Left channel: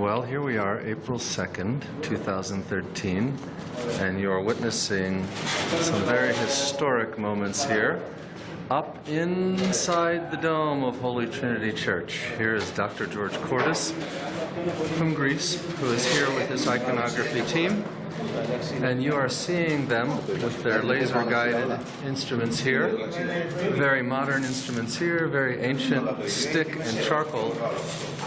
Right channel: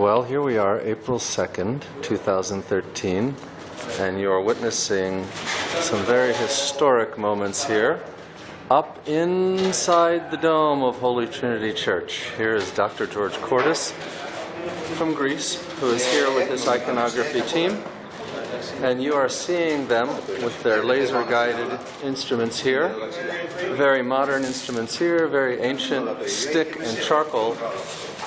Well, here we are, April 2nd, 2013, and you are witnessing some very historic moments here up inside the dome of Holy Trinity Church. Here is Dr. George Kordis from Greece, who is here with his iconography team, and you are seeing them with their laser-guided instruments here. Very modern instruments here, very ancient stick and charcoal,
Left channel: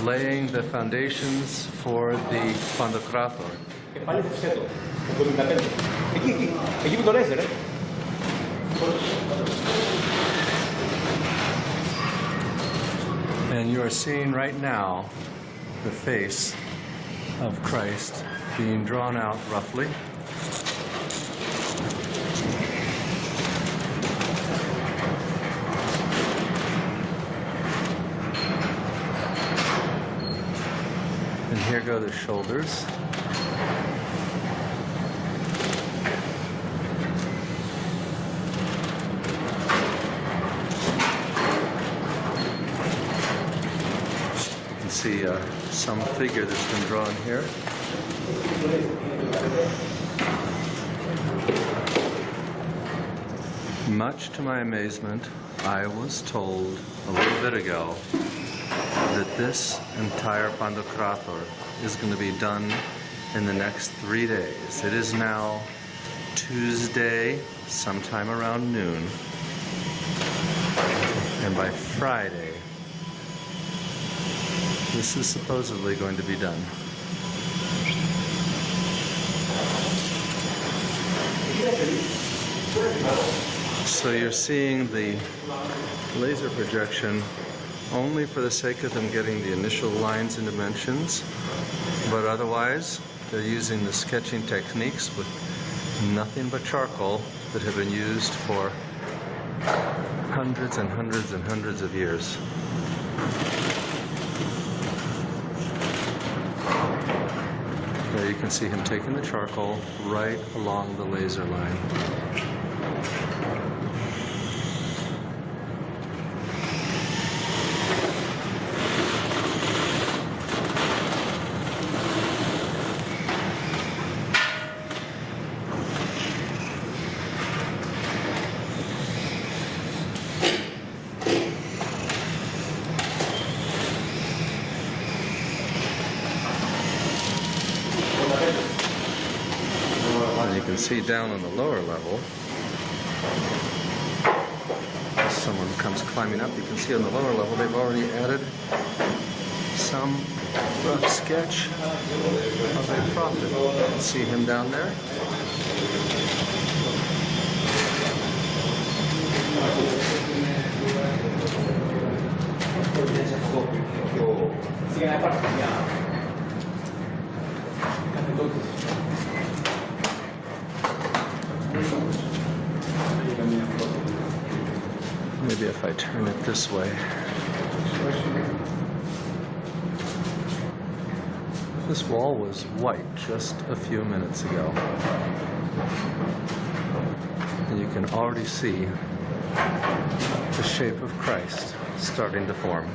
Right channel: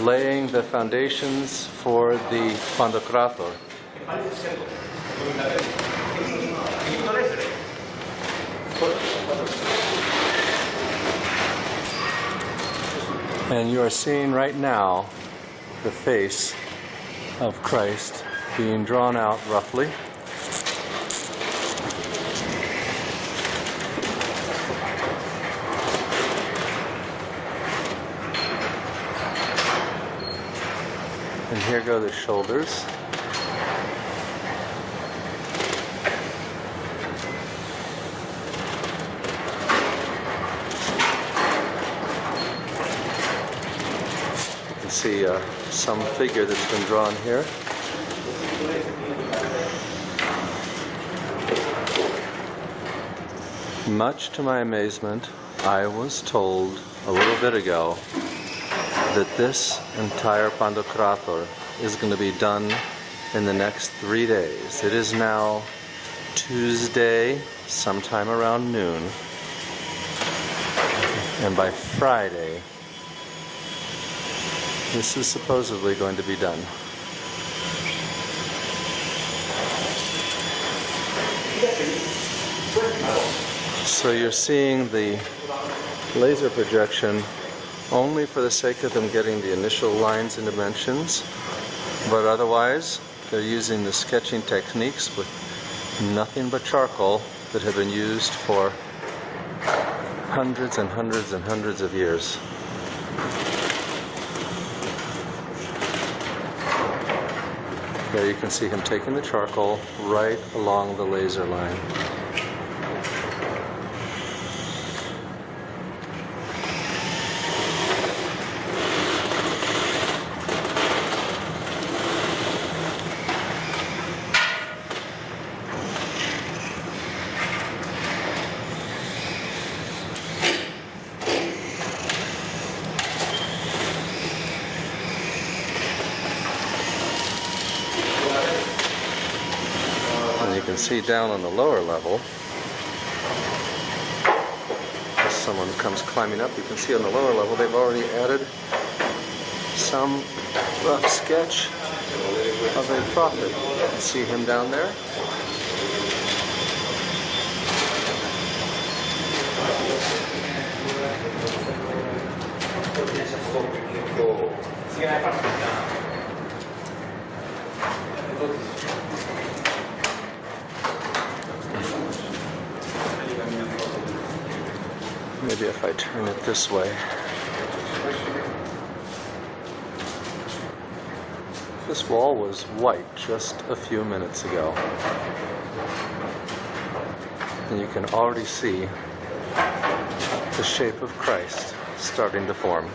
laying the foundations for the Pantokrator. And you are seeing right now the face of Christ being drawn out roughly. And here go the shoulders. You can see some figure that's been drawn here. Much to my amazement, I was told a little bit ago that this entire Pantokrator is going to be done in the next 3 days. It is now Tuesday, sometime around noon, and by Friday, this is supposedly going to be done. So you're seeing the laser projection only for the sake of them getting the initial lines and dimensions, but otherwise they're using the sketching techniques with nothing but charcoal that have been used for hundreds and hundreds and hundreds of years. There you can see him taking the charcoal right along the laser line. You can see down on the lower level, as someone comes climbing up, you can see on the lower level they've already added some rough sketch of a prophet. You can see him down there. Maybe if I turn it this way. This wall was white just a few minutes ago. And you can already see the shape of Christ starting to form.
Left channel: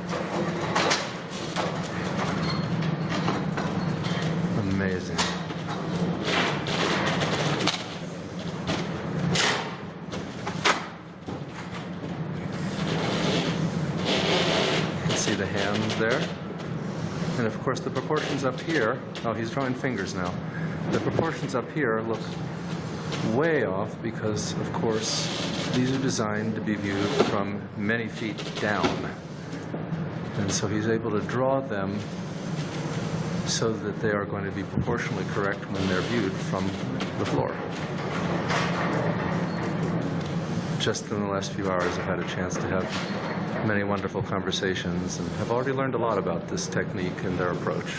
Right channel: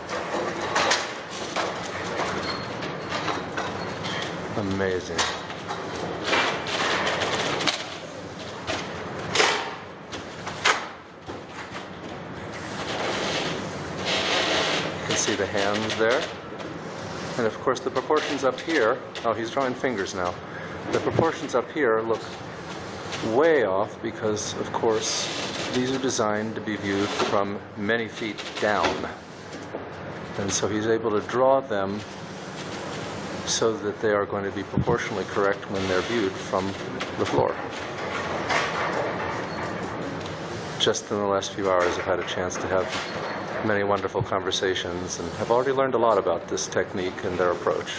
Amazing. See the hands there, and of course the proportions up here, oh, he's drawing fingers now. The proportions up here look way off because of course these are designed to be viewed from many feet down, and so he's able to draw them so that they are going to be proportionally correct when they're viewed from the floor. Just in the last few hours I've had a chance to have many wonderful conversations, and have already learned a lot about this technique and their approach.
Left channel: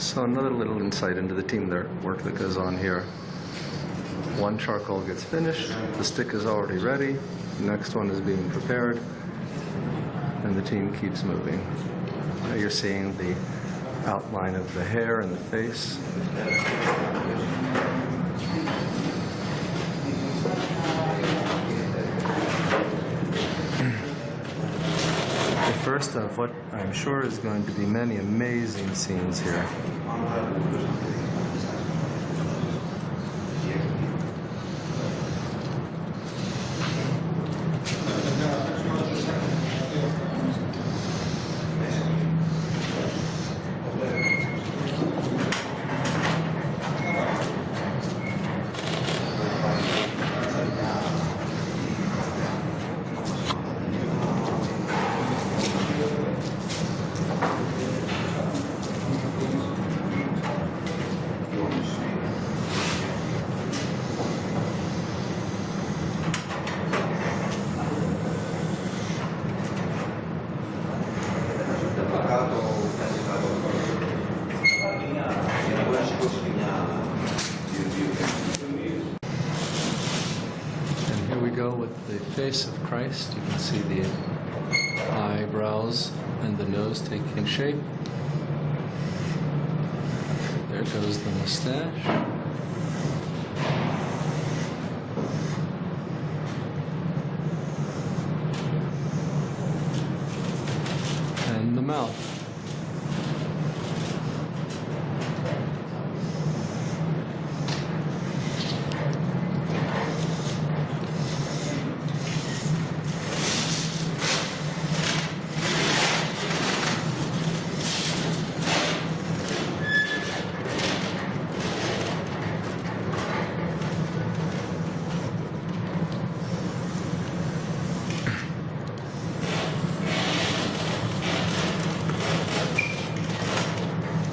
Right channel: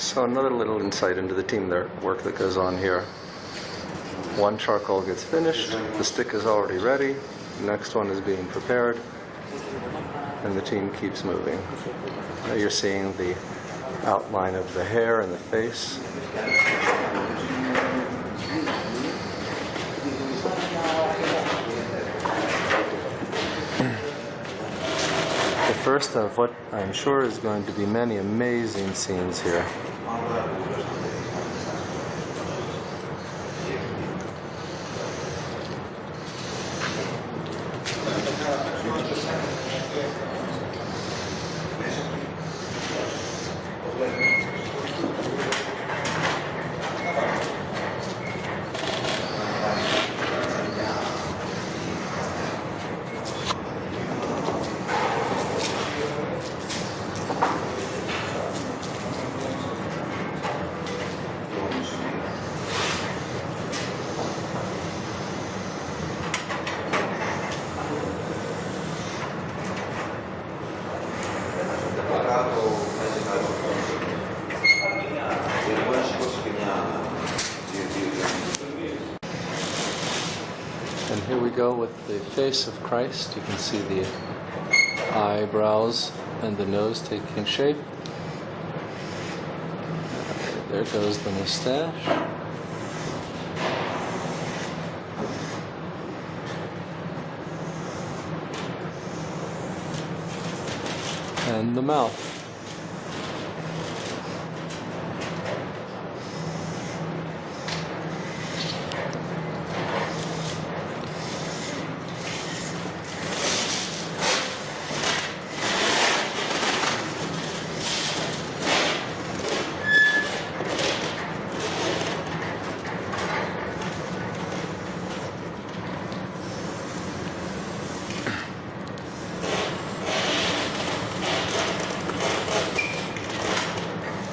So another little insight into the team work that goes on here. One charcoal gets finished, the stick is already ready, the next one is being prepared, and the team keeps moving. Now you're seeing the outline of the hair and the face. The first of what I'm sure is going to be many amazing scenes here. And here we go with the face of Christ. You can see the eyebrows and the nose taking shape. There goes the mustache. And the mouth.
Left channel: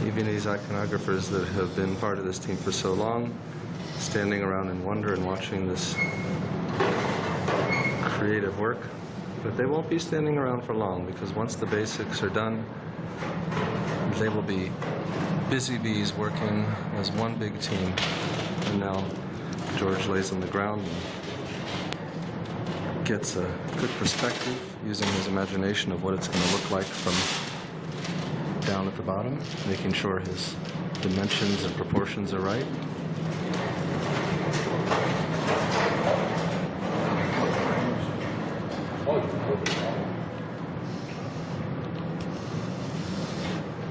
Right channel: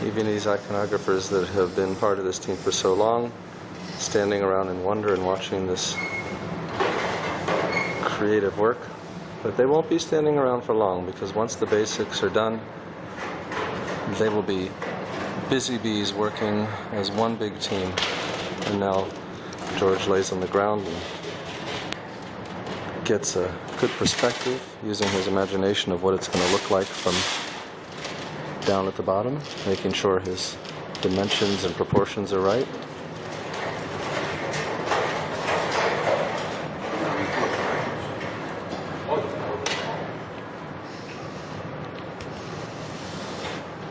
Even these iconographers that have been part of this team for so long, standing around in wonder and watching this creative work. But they won't be standing around for long, because once the basics are done, they will be busy bees working as one big team. And now George lays on the ground and gets a good perspective using his imagination of what it's going to look like from down at the bottom, making sure his dimensions and proportions are right.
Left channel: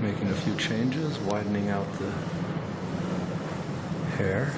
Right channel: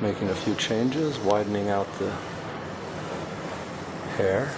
Making a few changes, widening out the hair.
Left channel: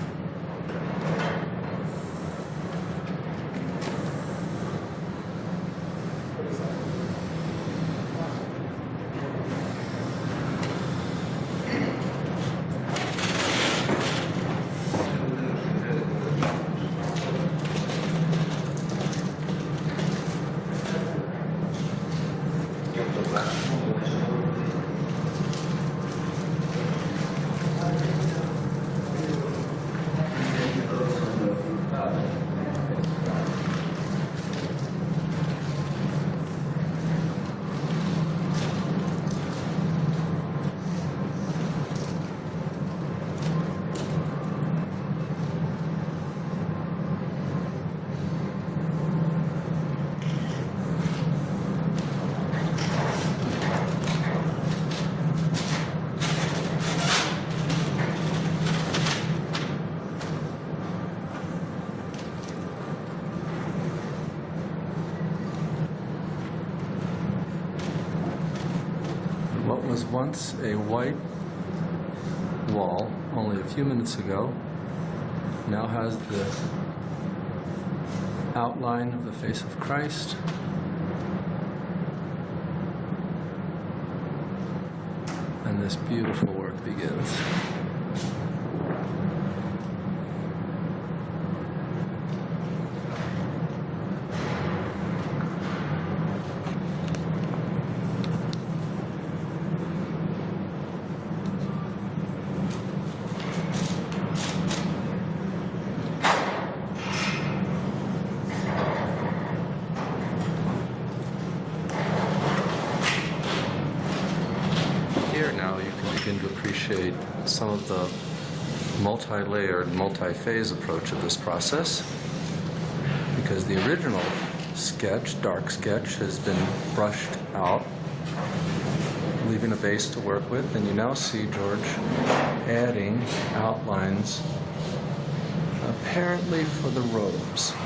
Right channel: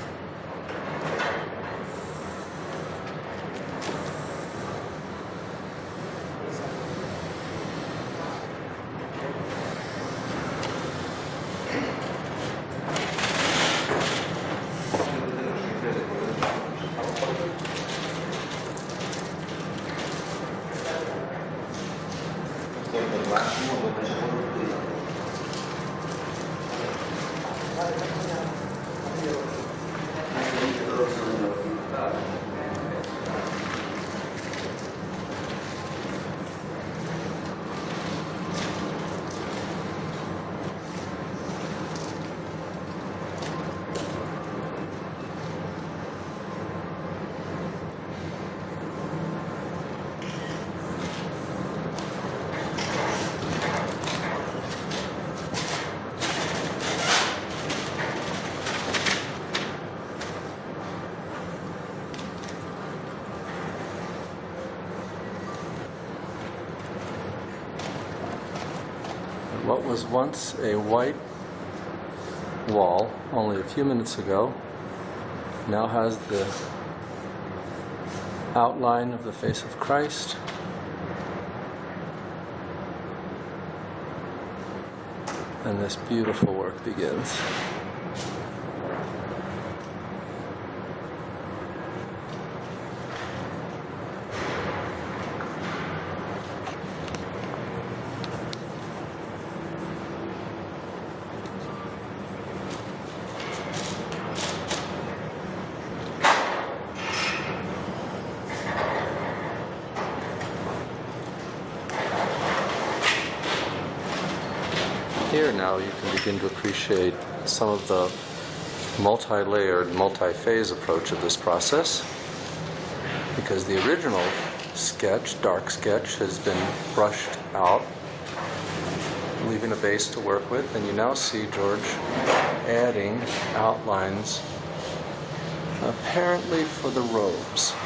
What was once a white wall only a few minutes ago now has the outline of the face of Christ, and this beautiful work begins. here now you can begin to appreciate some of the multi-layered, multi-phase approach of this process, because the original sketch, dark sketch, has been brushed out, leaving a base to work with, and you now see George adding outlines apparently for the robes.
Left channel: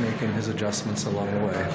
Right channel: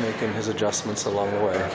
Making his adjustments along the way.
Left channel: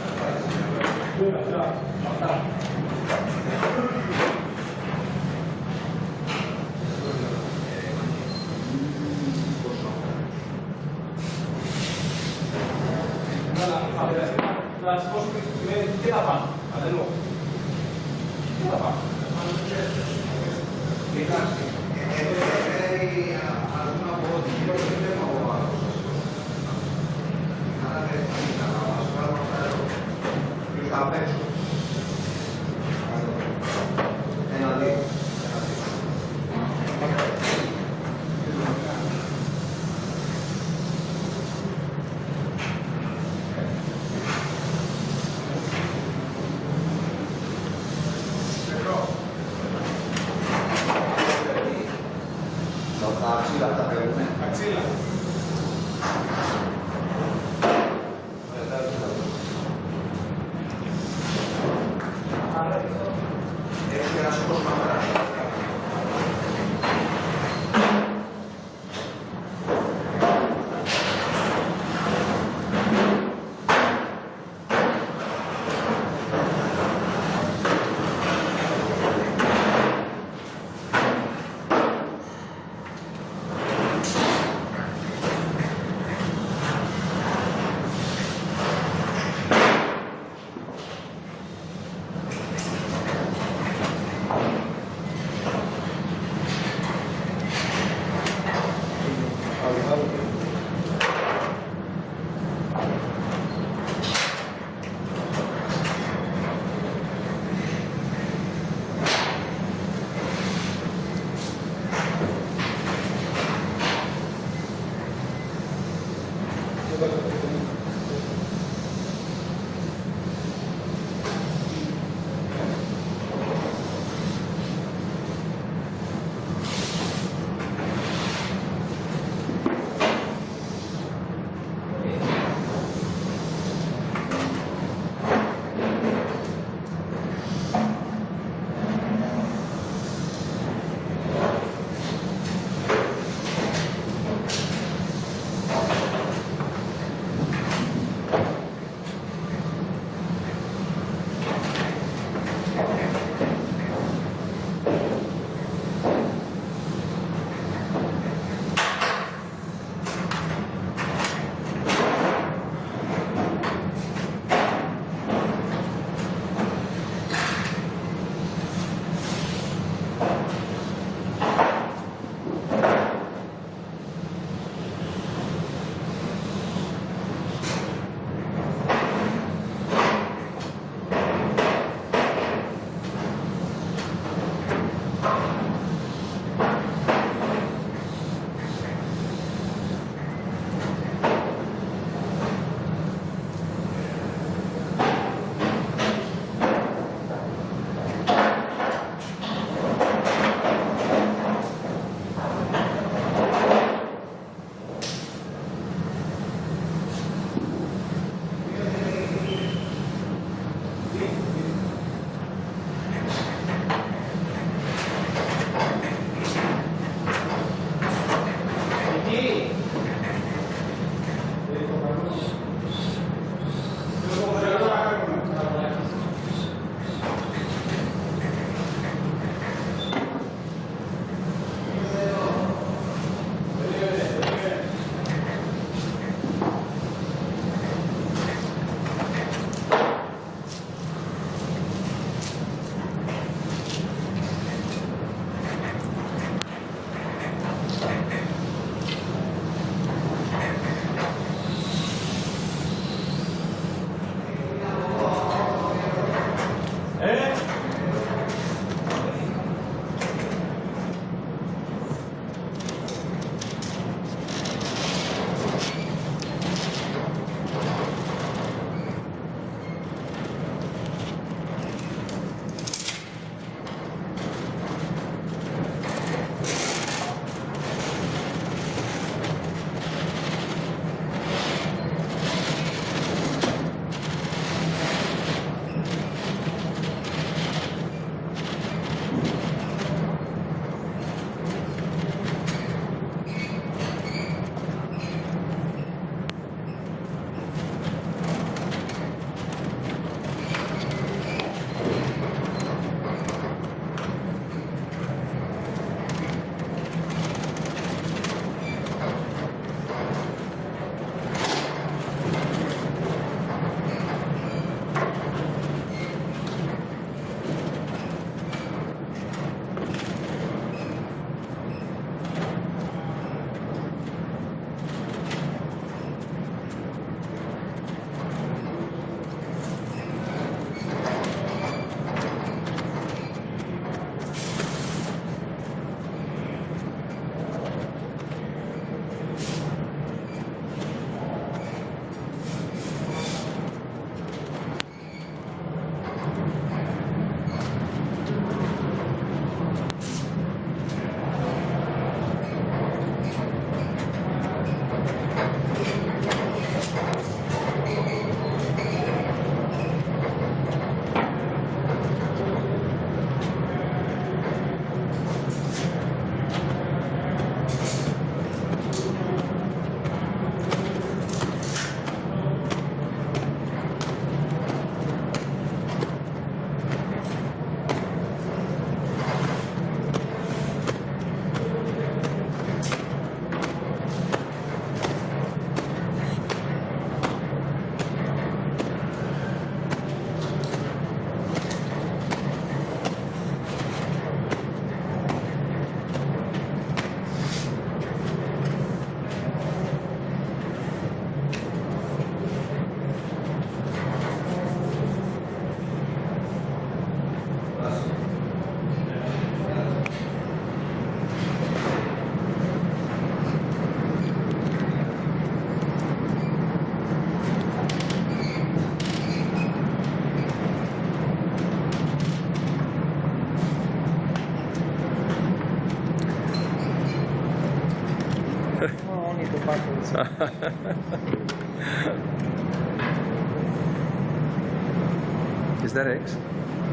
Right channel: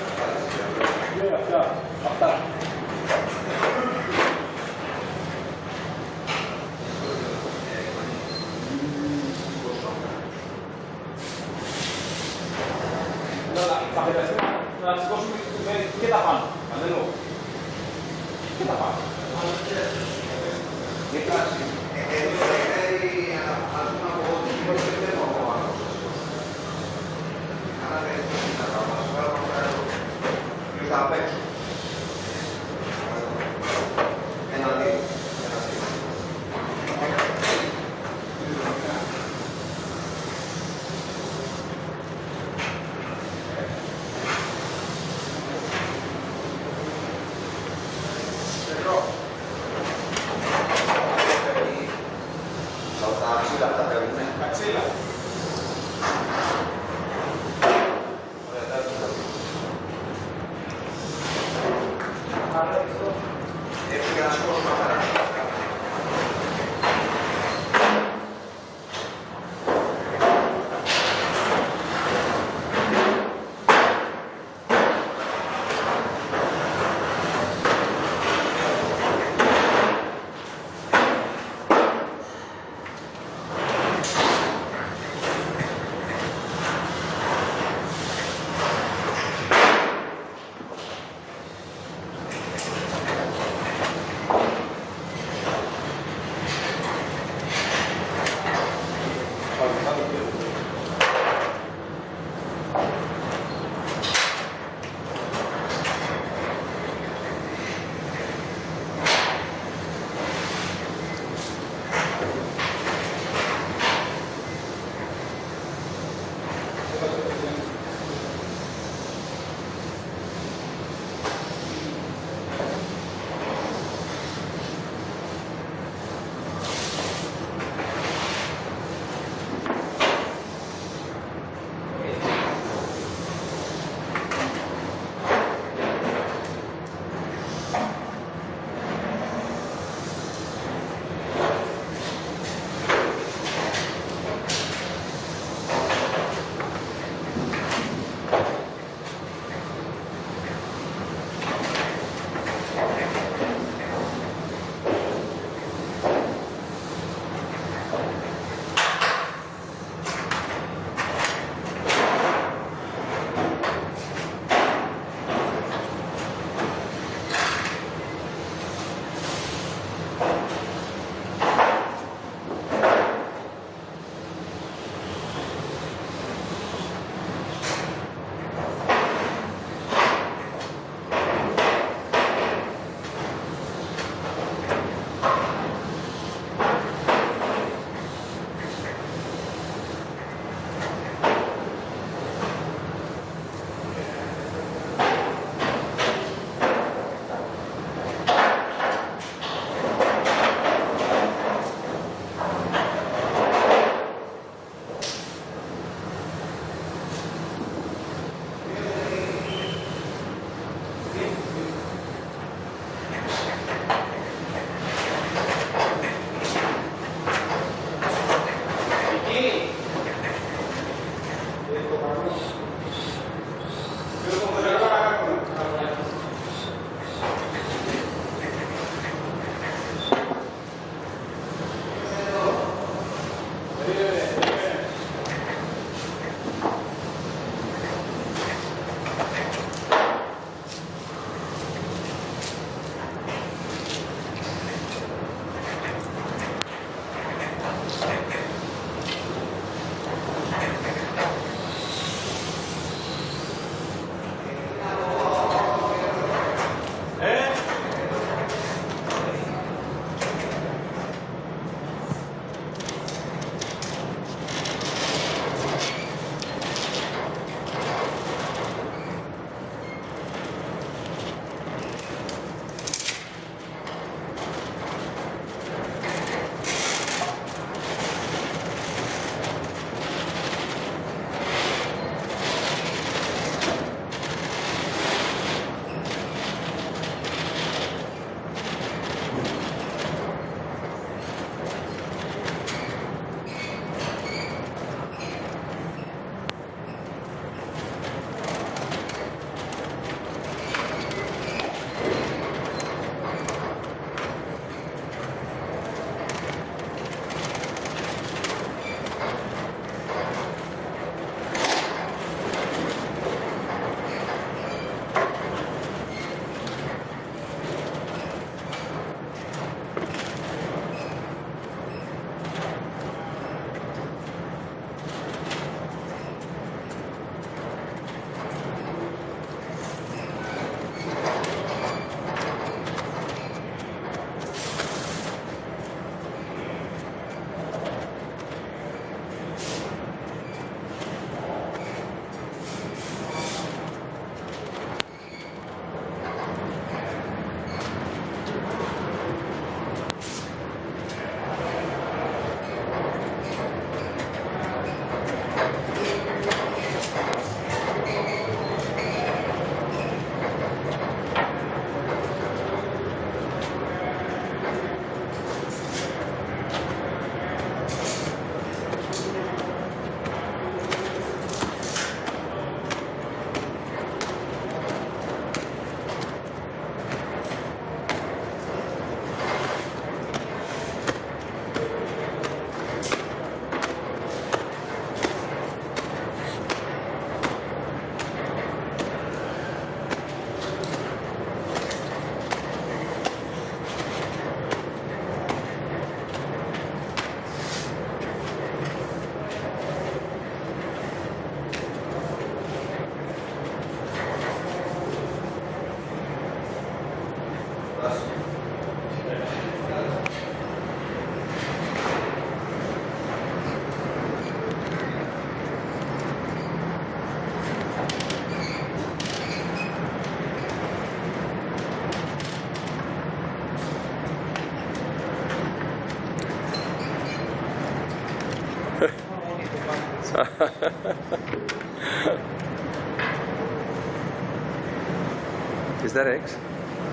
Is that eggs?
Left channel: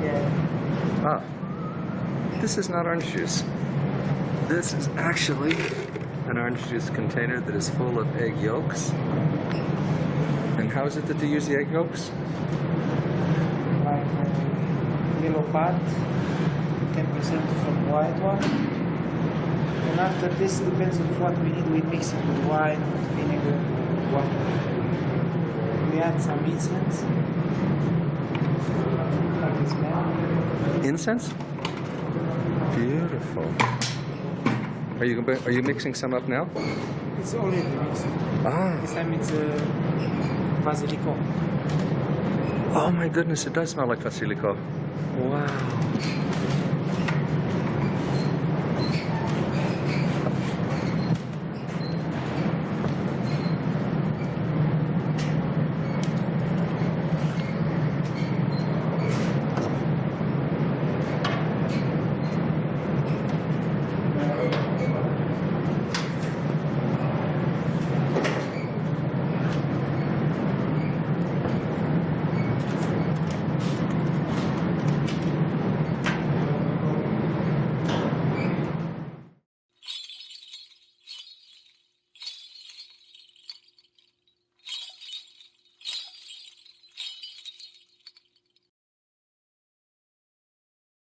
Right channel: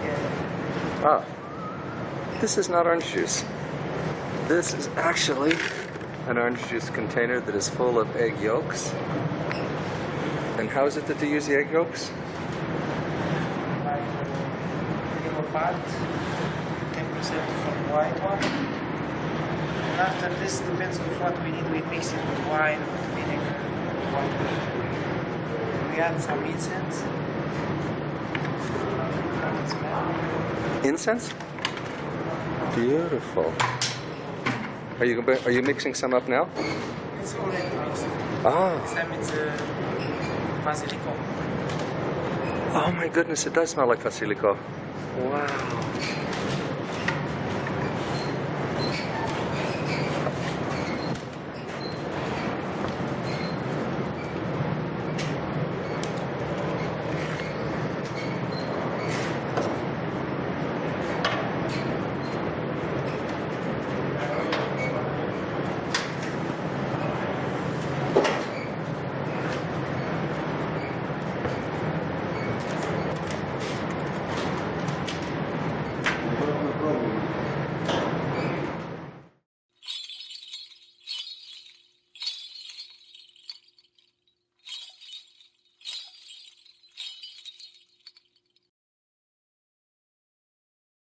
Yeah. Ah, this is not orange juice. This is actually an orange juice container that is full of egg yolks. And how is it that they use the egg yolks? Yellow part, 10% from white one. And after this, depends on what we need. We mix it with wine, vinegar, water. We add some incense. Incense? Beautiful. Are you mixing some up now? It's already mixed. Ah. This time it's basilico. Oh my goodness, it does smell like basilico. Wow.